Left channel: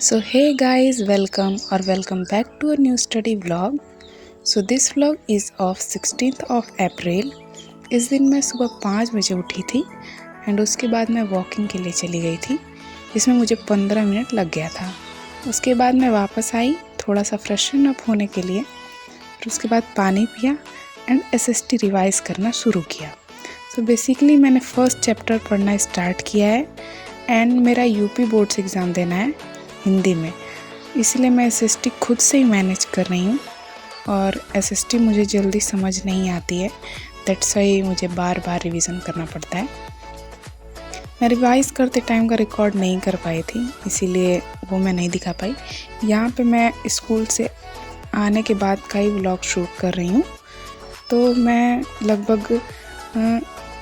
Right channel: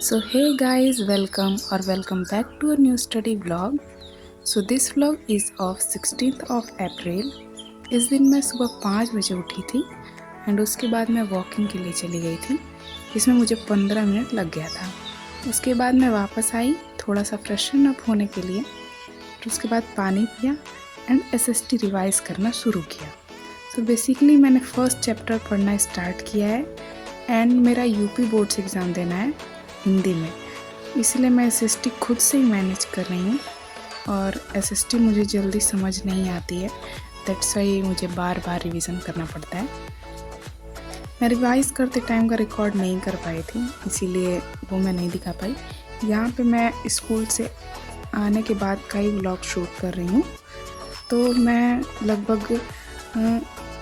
So hey guys, welcome back to a new study vlog. So this vlog is of 16th of April. इस दिन मैं सुबह 5 बजे उठी थी एंड उसके बाद मैं वॉकिंग के लिए चली गई थी जिसमें मुझे 15 मिनट लग गया था। उसके बाद मैं वापस आई थोड़ा सा फ्रेशन अप होने के लिए, फिर उसके बाद पानी पिया एंड एसएसटी रिवाइज करना शुरू किया। सो बेसिकली मैंने फर्स्ट चैप्टर पढ़ना स्टार्ट किया है एंड मेरा यूपी बोर्ड्स एग्ज़ाम देना है हिंदी में, इसलिए मैं एसएसटी खुद से ही मैनेज कर रही हूँ और एसएसटी मुझे जल्दी समझ नहीं आती है, दैट्स वाई मुझे बार बार रिवीजन करना पड़ता है। मैं रिवाइज़ करते टाइम का रिकॉर्ड नहीं कर पाई थी, इसीलिए वो मैं नहीं दिखा पाई। यहाँ पे मैं स्कूल से आने के बाद का ही व्लॉग शूट कर रही हूँ। तो मैं लगभग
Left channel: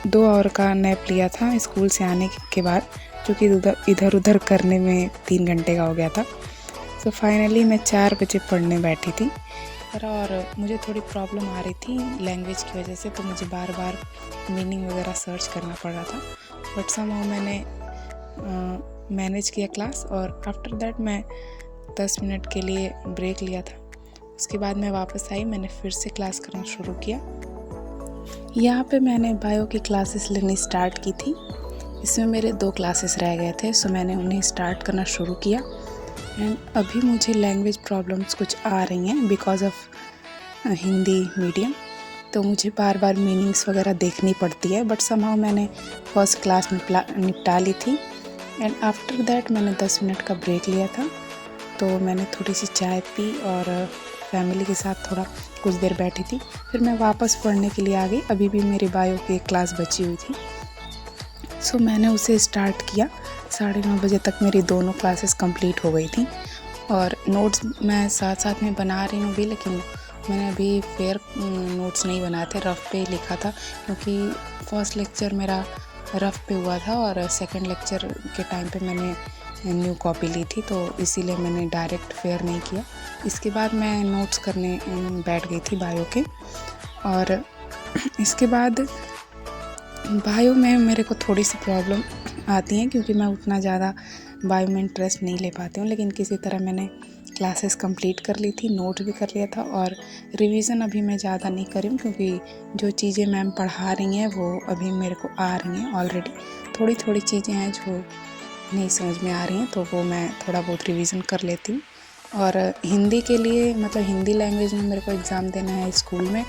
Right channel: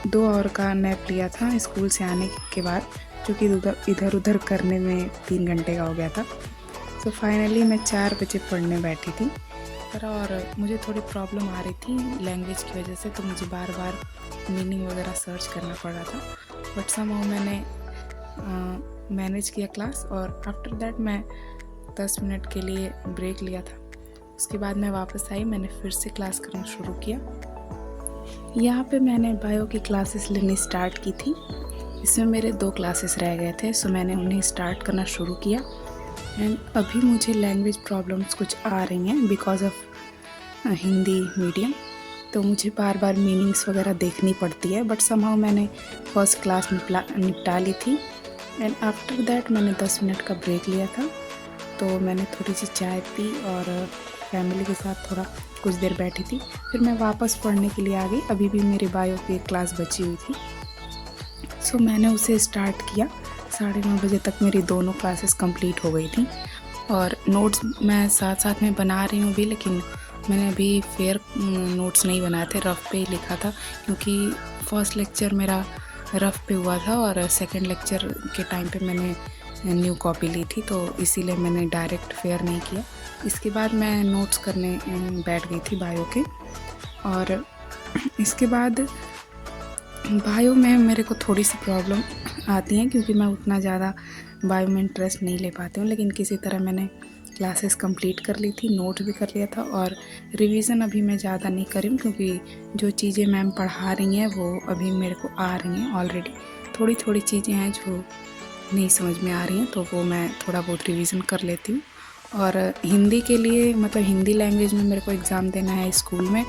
2 आवर का नैप लिया था स्कूल से आने के बाद, जो कि इधर उधर करने में 3 घंटे का हो गया था। सो फाइनली मैं 4 बजे पढ़ने बैठी थी और मुझे थोड़ी प्रॉब्लम आ रही थी लैंग्वेज की वजह से, तो मुझे बार बार मीनिंग वगैरह सर्च करना पड़ रहा था, बट समहाउ मैंने मैनेज किया क्लास। और आफ्टर दैट मैं 10 मिनट के लिए ब्रेक लिया था। उसके बाद मैं वापस आई, मैंने फिर से क्लास करना शुरू किया। यहाँ पे मैंने बायो की क्लासेस लेनी स्टार्ट की थी। इसमें मेरे 2 क्लासेस रह गए थे, सो मैंने उन्हें स्टार्ट करना शुरू किया एंड अभी मुझे लैंग्वेज प्रॉब्लम्स कुछ आ रही हैं बिकॉज ऑफ हिंदी मीडियम, तो मुझे बार बार मीनिंग्स वगैरह देखनी पड़ती है, बट समहाउ मैंने फर्स्ट क्लास निपटा ली थी एंड आफ्टर दैट मैंने 10 मिनट का ब्रेक लिया था। तो मैंने थोड़ी सी चाय पी और फैमिली के साथ थोड़ा कुछ देर बैठी थी, फिर मैं वापस पढ़ने के लिए आ गई। अभी भी मेरी बायो की क्लास बची हुई थी, सो मैंने उसे स्टार्ट किया। 9:30 बजे तक मेरी दोनों क्लासेस कंप्लीट हो गई थी और नोट्स मैं साथ साथ में बना रही हूँ भी, लेकिन मैंने अभी फेयर नोट्स नहीं बनाए थे, रफ़ पे लिखा था, क्योंकि फर्स्ट लेक्चर मेरा रफ़ पे हुआ था और सेकंड लेक्चर के टाइम पे मैंने न्यू कॉपी ली थी, तो इसीलिए मैंने डायरेक्ट फेयर नहीं किया। इसके बाद मैं नोट्स करने बैठ गई थी बायो के। और इसके बाद बायो में मेरे को थोड़ी सी प्रॉब्लम आती हैं क्योंकि मैं उतना ज़्यादा बायो में इंटरेस्ट नहीं ले पाती हूँ, लेकिन किसी तरह मैंने क्लासेस कंप्लीट कर ली थी, नोट भी कर लिया था और रिवीजन अभी मैं ज़्यादा नहीं कर रही हूँ क्योंकि जो चीज़ें मैम पढ़ा रही हैं वो अभी मेरे को आ रही हैं ऑलरेडी। थोड़ी थोड़ी चीज़ें हैं जो नहीं समझ में आ रही हैं, तो वो मैं थोड़ा बहुत रिवीजन कर लेती हूँ। और हिंदी के लिए मतलब हिंदी लैंग्वेज में मेरे को एग्ज़ाम देना है स्कूल में,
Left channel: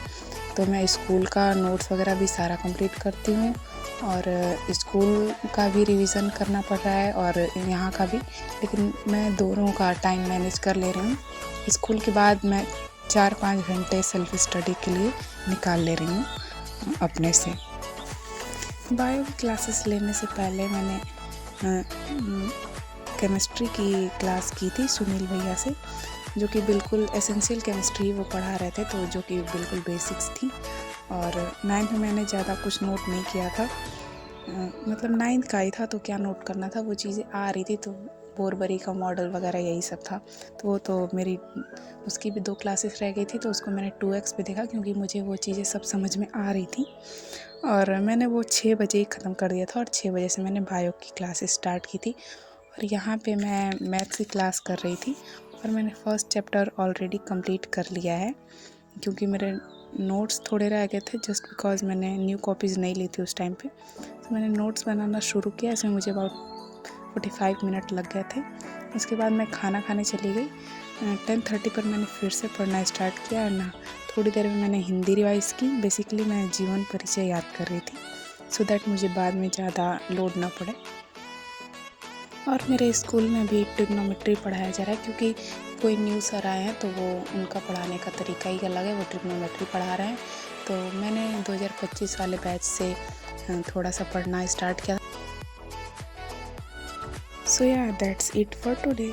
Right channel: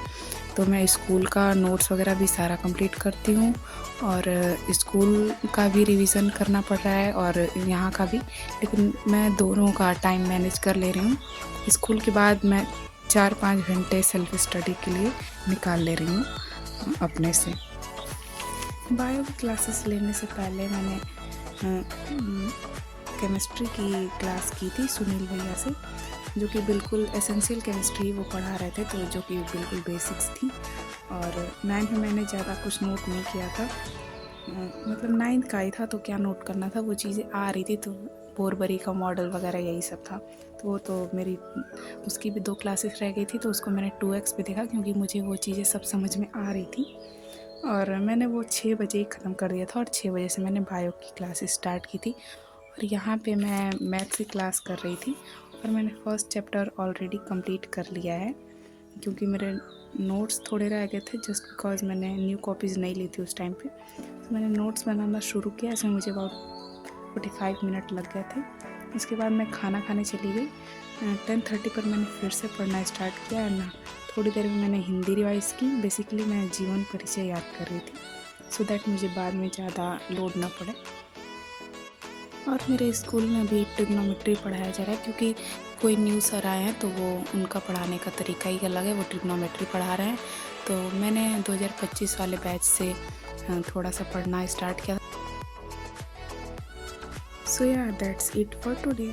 तो मैं स्कूल का नोट्स वगैरह भी सारा कंप्लीट करती हूँ और स्कूल का भी रिवीजन करना पड़ रहा है और यहाँ का भी, लेकिन मैं दोनों का टाइम मैनेज कर ले रही हूँ। स्कूल के बाद मैं 4-5 घंटे सेल्फ स्टडी के लिए निकाल ले रही हूँ अपने से। बायो की क्लासेस लेने से पहले मैंने केमिस्ट्री की क्लास की थी सुनील भैया से, जो कि बिल्कुल एसेंशियल केमिस्ट्री वो पढ़ा रहे थे, तो जो कि बिल्कुल बेसिक्स थी। और 9th में मैंने ज़्यादा कुछ नोट नहीं किया था, मतलब 9th का ही था, तो क्या नोट करना था, वो चीज़ें आ रही थी, तो बोरबरी का मॉडल वगैरह यही सब था। तो वो तो मेरी उसकी भी 2 क्लासेस रह गई थी, तो उसको मैंने 2x भी देखा क्योंकि मुझे वो चीज़ें सब समझ में आ रही थी और मैंने वो 6 बजे ही ख़त्म कर दिया था और 6 बजे से मैंने बायो की क्लासेस स्टार्ट की थी। और यहाँ पे मैं मैथ्स की क्लास कर रही थी और मैंने फर्स्ट चैप्टर ऑलरेडी कंप्लीट कर लिया है क्योंकि मेरे नोट्स थोड़े रह गए थे, जस्ट बिकॉज मैंने न्यू कॉपीज़ नहीं ली थी उस टाइम पे। तो मैंने नोट्स बनाना शुरू किया, इसमें मुझे अबाउट 45 मिनट लग गए थे। उसके बाद मैं खाना खाने चली गई। 10:30 पर मैंने फिर से पढ़ना स्टार्ट किया और ना थोड़ी देर में मैंने हिंदी रिवाइज़ की। बेसिकली मैं जीवन परिचय याद कर रही थी सो दैट मुझे बाद में ज़्यादा लोड ना पड़े। और मेरे स्कूल में भी ट्रिग्नोमेट्री पढ़ाया जा रहा है क्योंकि कोई न्यू सर आए हैं, तो वो उनका पढ़ाने का तरीका ही अलग है, वो ट्रिग्नोमेट्री पढ़ा रहे हैं। तो मैंने 2025 वाले बैच से थोड़ा सा पढ़ना स्टार्ट किया। सो या दैट्स इट फॉर टुडे।